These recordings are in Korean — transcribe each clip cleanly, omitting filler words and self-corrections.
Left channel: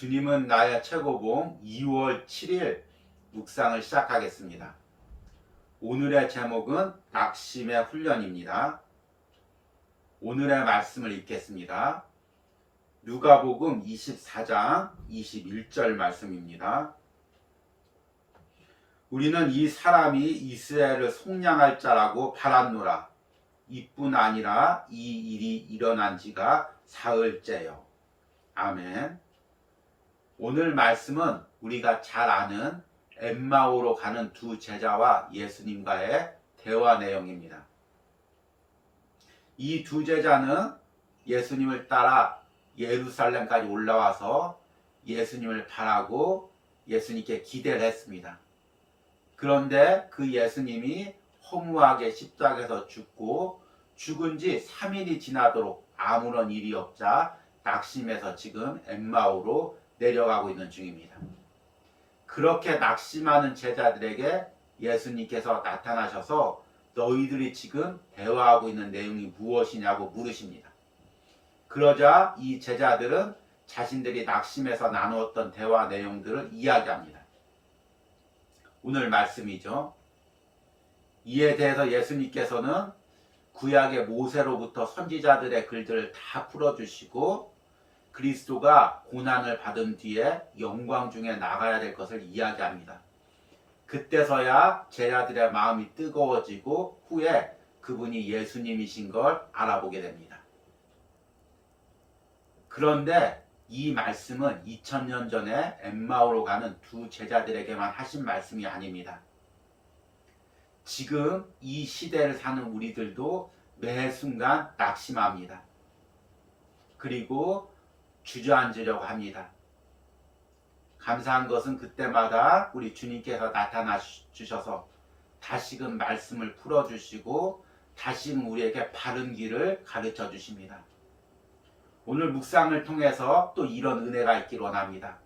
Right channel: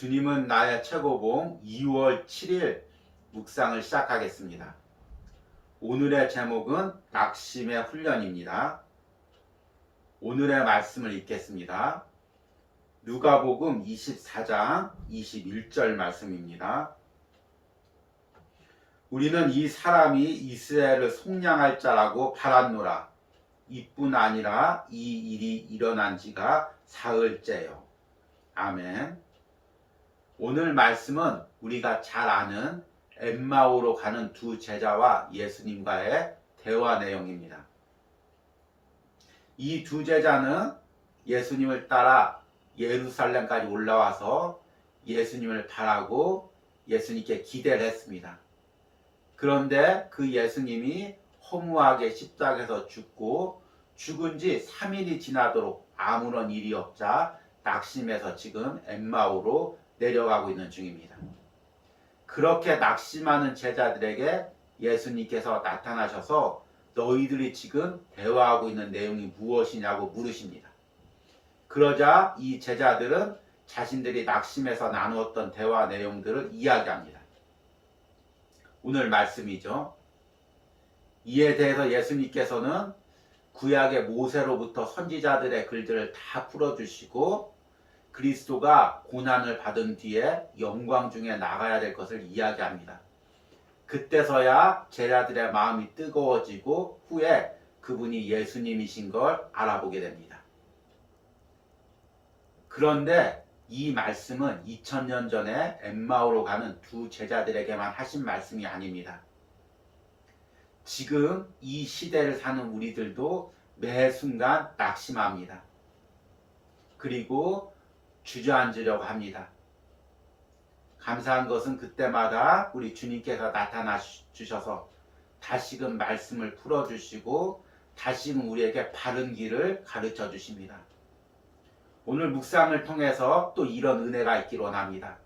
주님은 나의 최고봉 2월 7일 묵상을 시작하겠습니다. 오늘의 제목은 낙심의 훈련입니다. 오늘의 말씀을 읽겠습니다. 누가복음 24장 21절 말씀입니다. 우리는 이 사람이 이스라엘을 속량할 자라고 바랐노라. 이뿐 아니라 이 일이 일어난 지가 사흘째요. 아멘. 오늘 말씀은 우리가 잘 아는 엠마오로 가는 두 제자와 예수님과의 대화 내용입니다. 이 두 제자는 예수님을 따라 예루살렘까지 올라와서 예수님을 바라고 예수님께 기대를 했습니다. 그런데 그 예수님이 허무하게 십자가에서 죽고 죽은 지 3일이 지나도록 아무런 일이 없자 낙심해서 지금 엠마오로 내려가고 있는 중입니다. 그렇게 낙심하는 제자들에게 예수님께서 나타나셔서 너희들이 지금 대화하고 있는 내용이 무엇이냐고 물으십니다. 그러자 이 제자들은 자신들이 낙심해서 나누었던 대화 내용들을 이야기합니다. 오늘 말씀이죠. 이에 대해서 예수님께서는 구약의 모세로부터 선지자들의 글들을 다 풀어주시고 그리스도가 고난을 받은 뒤에 영광 중에 나가야 될 것을 이야기합니다. 그때서야 제자들의 마음이 뜨거워지고 후에 그분이 예수님이신 걸 알아보게 됩니다. 그런데 이 말씀은 2000년 전에 엠마오로 가는 두 제자들에게만 하신 말씀이 아닙니다. 지금 이 시대를 사는 우리들도 매 순간 낙심합니다. 그리고 주저앉으려고 합니다. 감사한 것은 그때마다 우리 주님께서 나타나 주셔서 다시금 말씀을 풀어주시고 다시금 우리에게 바른 길을 가르쳐 주십니다. 오늘 묵상을 통해서 또 이런 은혜가 있기를 원합니다.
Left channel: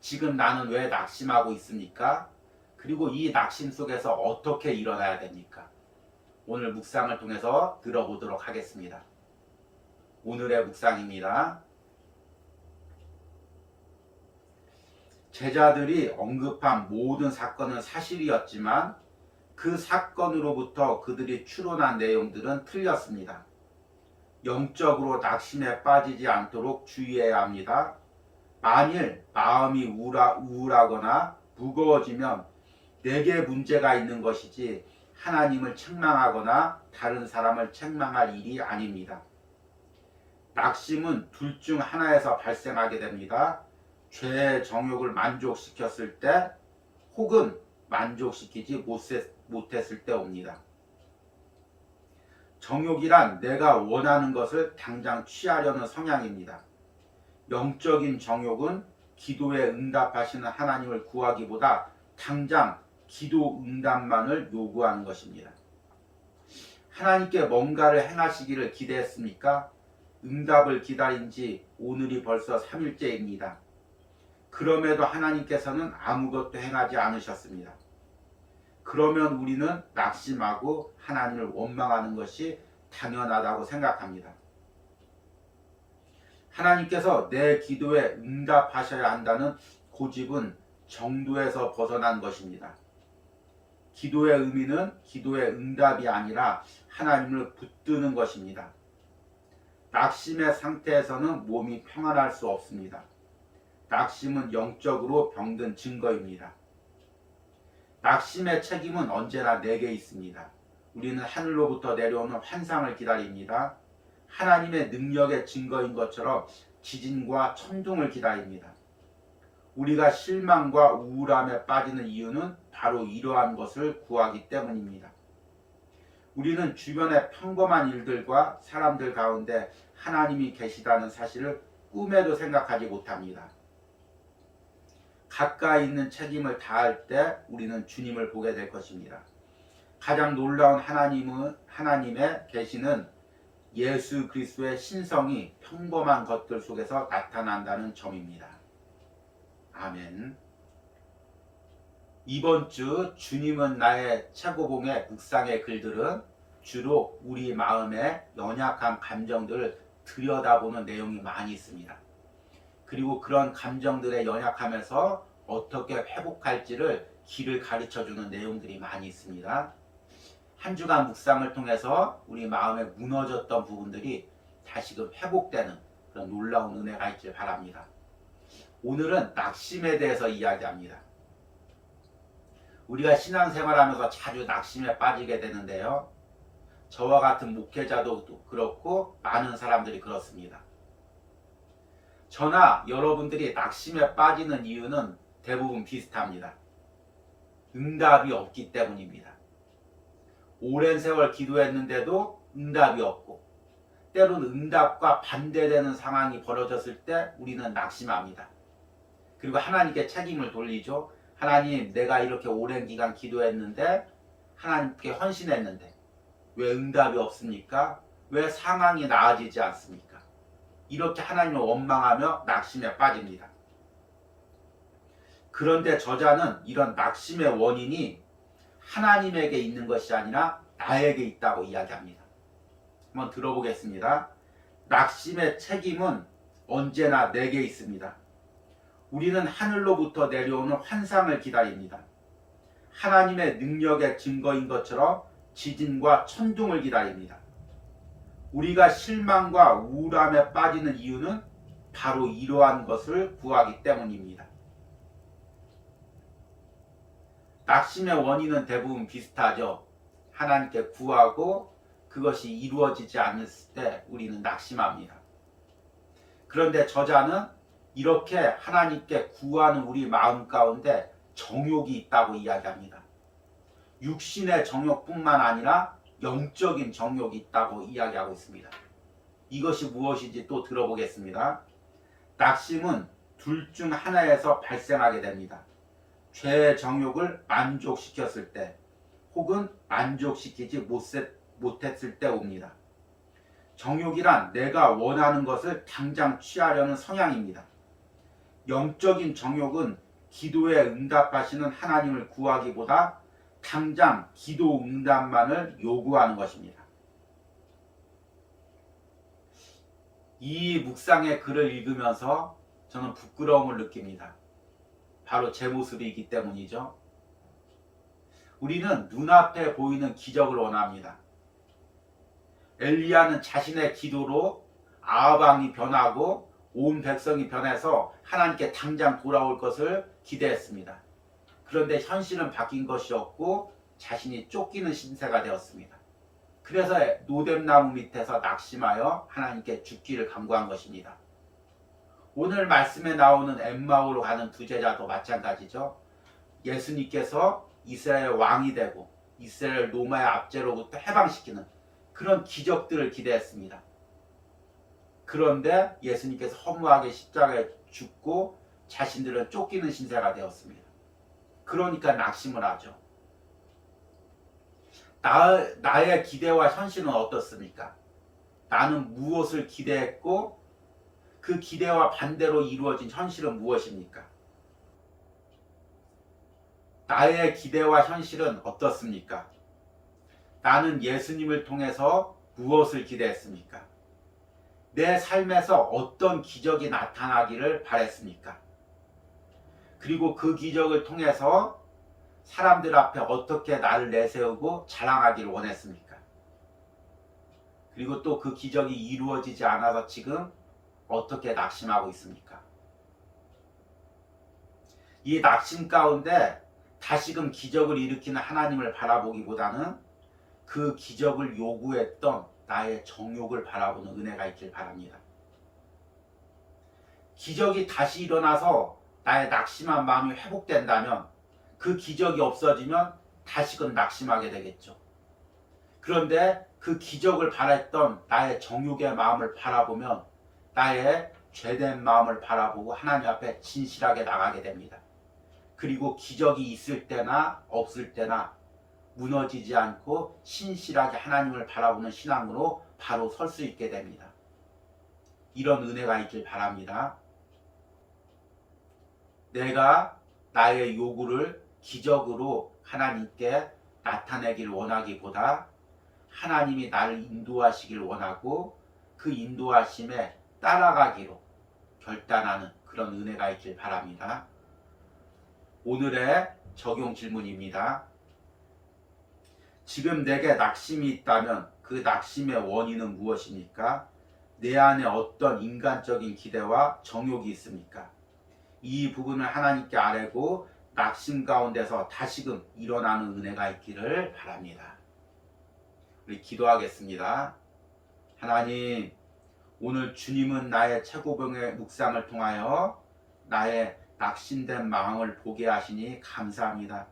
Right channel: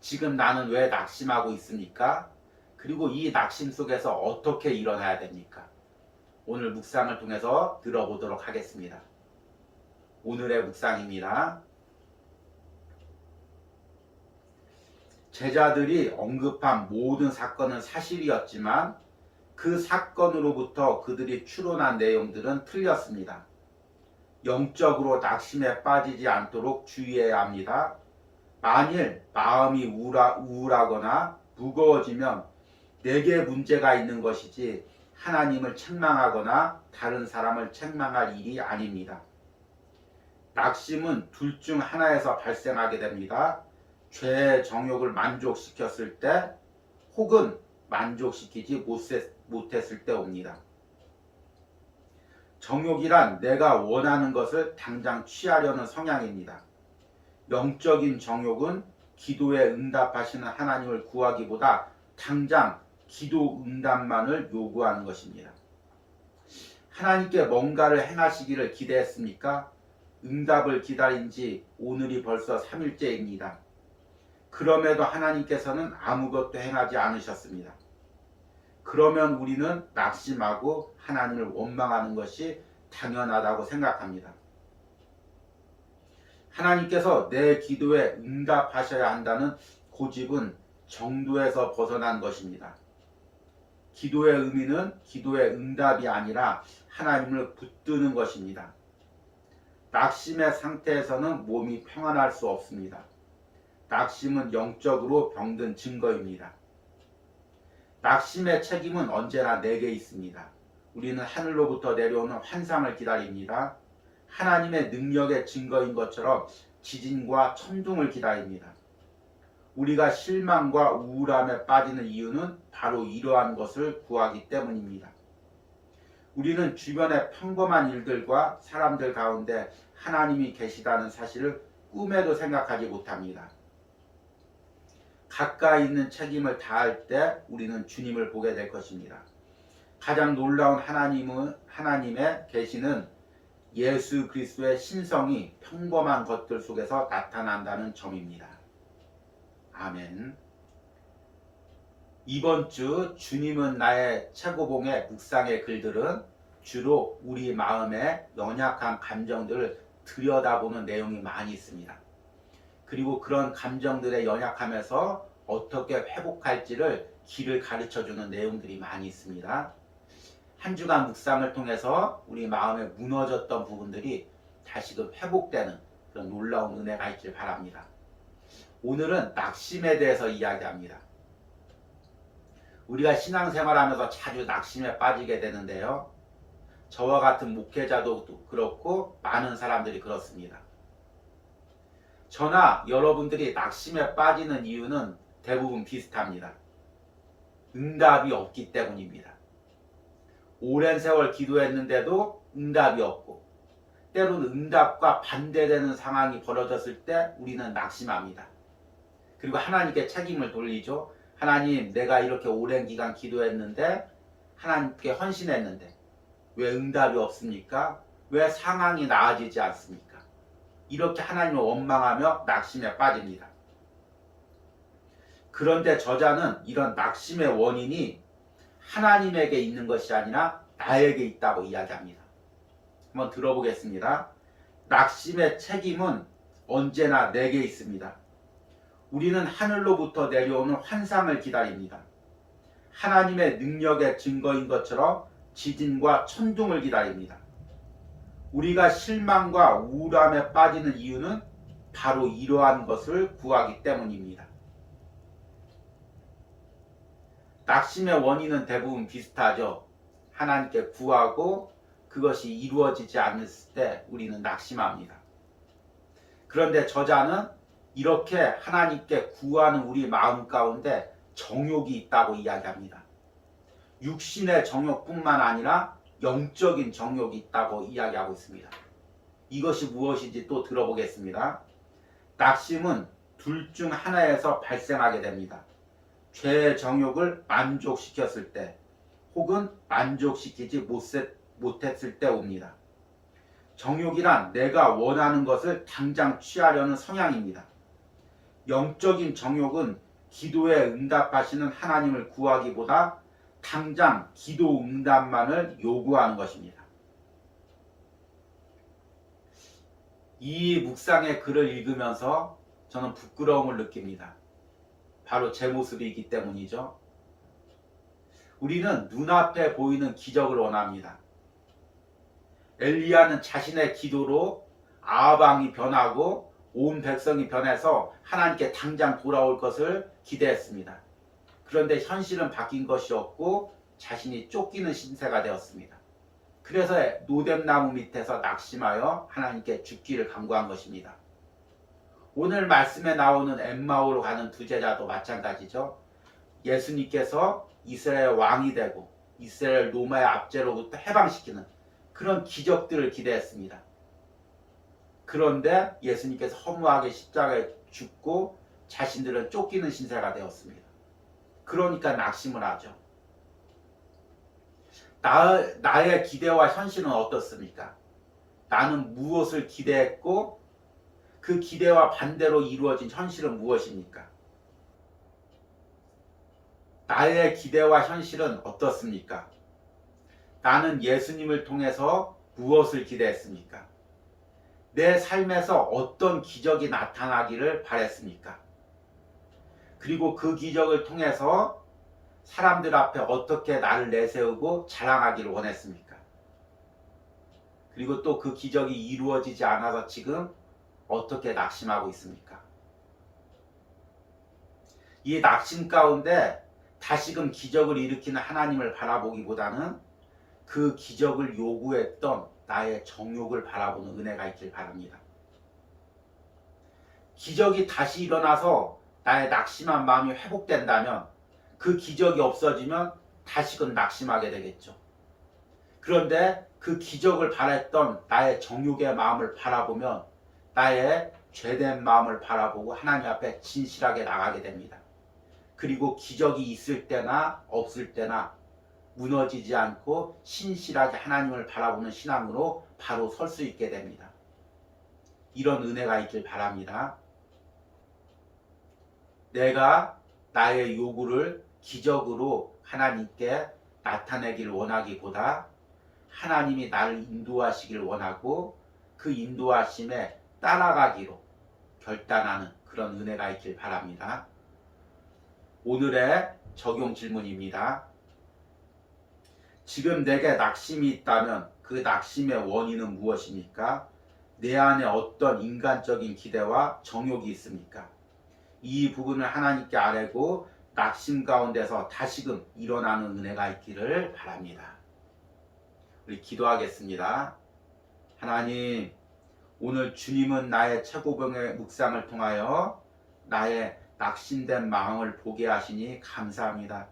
지금 나는 왜 낙심하고 있습니까? 그리고 이 낙심 속에서 어떻게 일어나야 됩니까? 오늘 묵상을 통해서 들어보도록 하겠습니다. 오늘의 묵상입니다. 제자들이 언급한 모든 사건은 사실이었지만 그 사건으로부터 그들이 추론한 내용들은 틀렸습니다. 영적으로 낙심에 빠지지 않도록 주의해야 합니다. 만일 마음이 우울하거나 무거워지면 내게 문제가 있는 것이지 하나님을 책망하거나 다른 사람을 책망할 일이 아닙니다. 낙심은 둘 중 하나에서 발생하게 됩니다. 죄의 정욕을 만족시켰을 때 혹은 만족시키지 못했을 때 옵니다. 정욕이란 내가 원하는 것을 당장 취하려는 성향입니다. 영적인 정욕은 기도에 응답하시는 하나님을 구하기보다 당장 기도 응답만을 요구하는 것입니다. 하나님께 뭔가를 행하시기를 기대했습니까? 응답을 기다린 지 오늘이 벌써 3일째입니다. 그럼에도 하나님께서는 아무것도 행하지 않으셨습니다. 그러면 우리는 낙심하고 하나님을 원망하는 것이 당연하다고 생각합니다. 하나님께서 내 기도에 응답하셔야 한다는 고집은 정도에서 벗어난 것입니다. 기도의 의미는 기도의 응답이 아니라 하나님을 붙드는 것입니다. 낙심의 상태에서는 몸이 평안할 수 없습니다. 낙심은 영적으로 병든 증거입니다. 낙심의 책임은 언제나 내게 있습니다. 우리는 하늘로부터 내려오는 환상을 기다립니다. 하나님의 능력의 증거인 것처럼 지진과 천둥을 기다립니다. 우리가 실망과 우울함에 빠지는 이유는 바로 이러한 것을 구하기 때문입니다. 우리는 주변의 평범한 일들과 사람들 가운데 하나님이 계시다는 사실을 꿈에도 생각하지 못합니다. 가까이 있는 책임을 다할 때 우리는 주님을 보게 될 것입니다. 가장 놀라운 하나님의 계시는 예수 그리스도의 신성이 평범한 것들 속에서 나타난다는 점입니다. 아멘. 이번 주 주님은 나의 최고봉의 묵상의 글들은 주로 우리 마음의 연약한 감정들을 들여다보는 내용이 많이 있습니다. 그리고 그런 감정들에 연약함에서 어떻게 회복할지를 길을 가르쳐주는 내용들이 많이 있습니다. 한 주간 묵상을 통해서 우리 마음에 무너졌던 부분들이 다시금 회복되는 그런 놀라운 은혜가 있길 바랍니다. 오늘은 낙심에 대해서 이야기합니다. 우리가 신앙생활하면서 자주 낙심에 빠지게 되는데요. 저와 같은 목회자도 그렇고 많은 사람들이 그렇습니다. 저나 여러분들이 낙심에 빠지는 이유는 대부분 비슷합니다. 응답이 없기 때문입니다. 오랜 세월 기도했는데도 응답이 없고 때로는 응답과 반대되는 상황이 벌어졌을 때 우리는 낙심합니다. 그리고 하나님께 책임을 돌리죠. 하나님, 내가 이렇게 오랜 기간 기도했는데 하나님께 헌신했는데 왜 응답이 없습니까? 왜 상황이 나아지지 않습니까? 이렇게 하나님을 원망하며 낙심에 빠집니다. 그런데 저자는 이런 낙심의 원인이 하나님에게 있는 것이 아니라 나에게 있다고 이야기합니다. 한번 들어보겠습니다. 낙심의 책임은 언제나 내게 있습니다. 우리는 하늘로부터 내려오는 환상을 기다립니다. 하나님의 능력의 증거인 것처럼 지진과 천둥을 기다립니다. 우리가 실망과 우울함에 빠지는 이유는 바로 이러한 것을 구하기 때문입니다. 낙심의 원인은 대부분 비슷하죠. 하나님께 구하고 그것이 이루어지지 않았을 때 우리는 낙심합니다. 그런데 저자는 이렇게 하나님께 구하는 우리 마음 가운데 정욕이 있다고 이야기합니다. 육신의 정욕뿐만 아니라 영적인 정욕이 있다고 이야기하고 있습니다. 이것이 무엇인지 또 들어보겠습니다. 낙심은 둘 중 하나에서 발생하게 됩니다. 죄의 정욕을 만족시켰을 때 혹은 만족시키지 못했을 때 옵니다. 정욕이란 내가 원하는 것을 당장 취하려는 성향입니다. 영적인 정욕은 기도에 응답하시는 하나님을 구하기보다 당장 기도 응답만을 요구하는 것입니다. 이 묵상의 글을 읽으면서 저는 부끄러움을 느낍니다. 바로 제 모습이기 때문이죠. 우리는 눈앞에 보이는 기적을 원합니다. 엘리야는 자신의 기도로 아합 왕이 변하고 온 백성이 변해서 하나님께 당장 돌아올 것을 기대했습니다. 그런데 현실은 바뀐 것이 없고 자신이 쫓기는 신세가 되었습니다. 그래서 노뎀나무 밑에서 낙심하여 하나님께 죽기를 간구한 것입니다. 오늘 말씀에 나오는 엠마오로 가는 두 제자도 마찬가지죠. 예수님께서 이스라엘 왕이 되고 이스라엘 로마의 압제로부터 해방시키는 그런 기적들을 기대했습니다. 그런데 예수님께서 허무하게 십자가에 죽고 자신들은 쫓기는 신세가 되었습니다. 그러니까 낙심을 하죠. 나의 기대와 현실은 어떻습니까? 나는 무엇을 기대했고 그 기대와 반대로 이루어진 현실은 무엇입니까? 나의 기대와 현실은 어떻습니까? 나는 예수님을 통해서 무엇을 기대했습니까? 내 삶에서 어떤 기적이 나타나기를 바랬습니까? 그리고 그 기적을 통해서 사람들 앞에 어떻게 나를 내세우고 자랑하기를 원했습니까? 그리고 또 그 기적이 이루어지지 않아서 지금 어떻게 낙심하고 있습니까? 이 낙심 가운데 다시금 기적을 일으키는 하나님을 바라보기보다는 그 기적을 요구했던 나의 정욕을 바라보는 은혜가 있길 바랍니다. 기적이 다시 일어나서 나의 낙심한 마음이 회복된다면 그 기적이 없어지면 다시금 낙심하게 되겠죠. 그런데 그 기적을 바랬던 나의 정욕의 마음을 바라보면 나의 죄된 마음을 바라보고 하나님 앞에 진실하게 나가게 됩니다. 그리고 기적이 있을 때나 없을 때나 무너지지 않고 신실하게 하나님을 바라보는 신앙으로 바로 설 수 있게 됩니다. 이런 은혜가 있길 바랍니다. 내가 나의 요구를 기적으로 하나님께 나타내길 원하기보다 하나님이 나를 인도하시길 원하고 그 인도하심에 따라가기로 결단하는 그런 은혜가 있길 바랍니다. 오늘의 적용 질문입니다. 지금 내게 낙심이 있다면 그 낙심의 원인은 무엇입니까? 내 안에 어떤 인간적인 기대와 정욕이 있습니까? 이 부분을 하나님께 아뢰고 낙심 가운데서 다시금 일어나는 은혜가 있기를 바랍니다. 우리 기도하겠습니다. 하나님, 오늘 주님은 나의 최고봉의 묵상을 통하여 나의 낙심된 마음을 보게 하시니 감사합니다.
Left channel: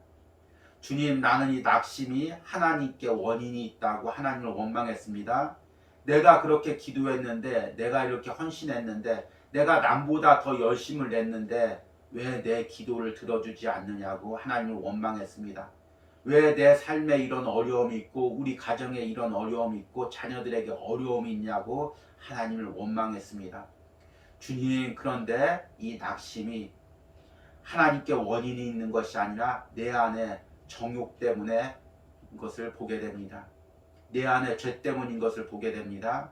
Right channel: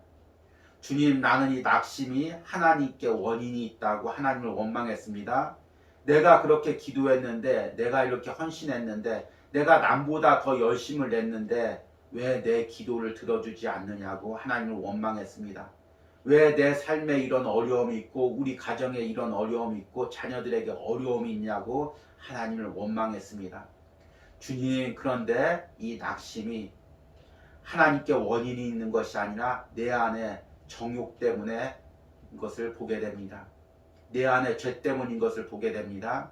주님, 나는 이 낙심이 하나님께 원인이 있다고 하나님을 원망했습니다. 내가 그렇게 기도했는데, 내가 이렇게 헌신했는데, 내가 남보다 더 열심을 냈는데 왜 내 기도를 들어주지 않느냐고 하나님을 원망했습니다. 왜 내 삶에 이런 어려움이 있고 우리 가정에 이런 어려움이 있고 자녀들에게 어려움이 있냐고 하나님을 원망했습니다. 주님, 그런데 이 낙심이 하나님께 원인이 있는 것이 아니라 내 안에 정욕 때문에 것을 보게 됩니다. 내 안에 죄 때문인 것을 보게 됩니다.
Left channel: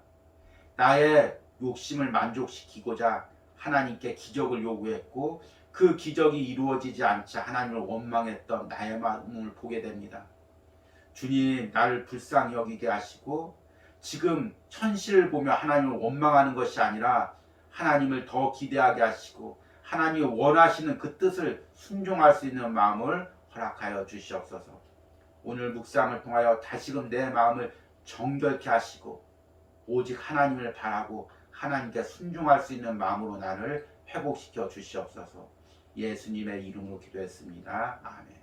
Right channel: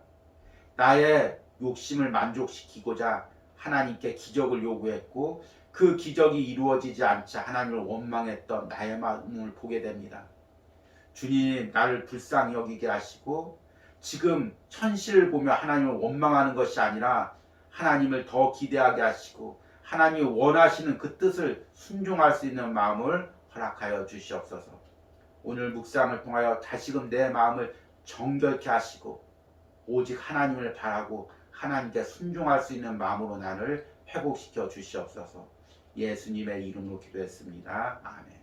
나의 욕심을 만족시키고자 하나님께 기적을 요구했고 그 기적이 이루어지지 않자 하나님을 원망했던 나의 마음을 보게 됩니다. 주님, 나를 불쌍히 여기게 하시고 지금 현실을 보며 하나님을 원망하는 것이 아니라 하나님을 더 기대하게 하시고 하나님이 원하시는 그 뜻을 순종할 수 있는 마음을 허락하여 주시옵소서. 오늘 묵상을 통하여 다시금 내 마음을 정결케 하시고 오직 하나님을 바라고 하나님께 순종할 수 있는 마음으로 나를 회복시켜 주시옵소서. 예수님의 이름으로 기도했습니다. 아멘.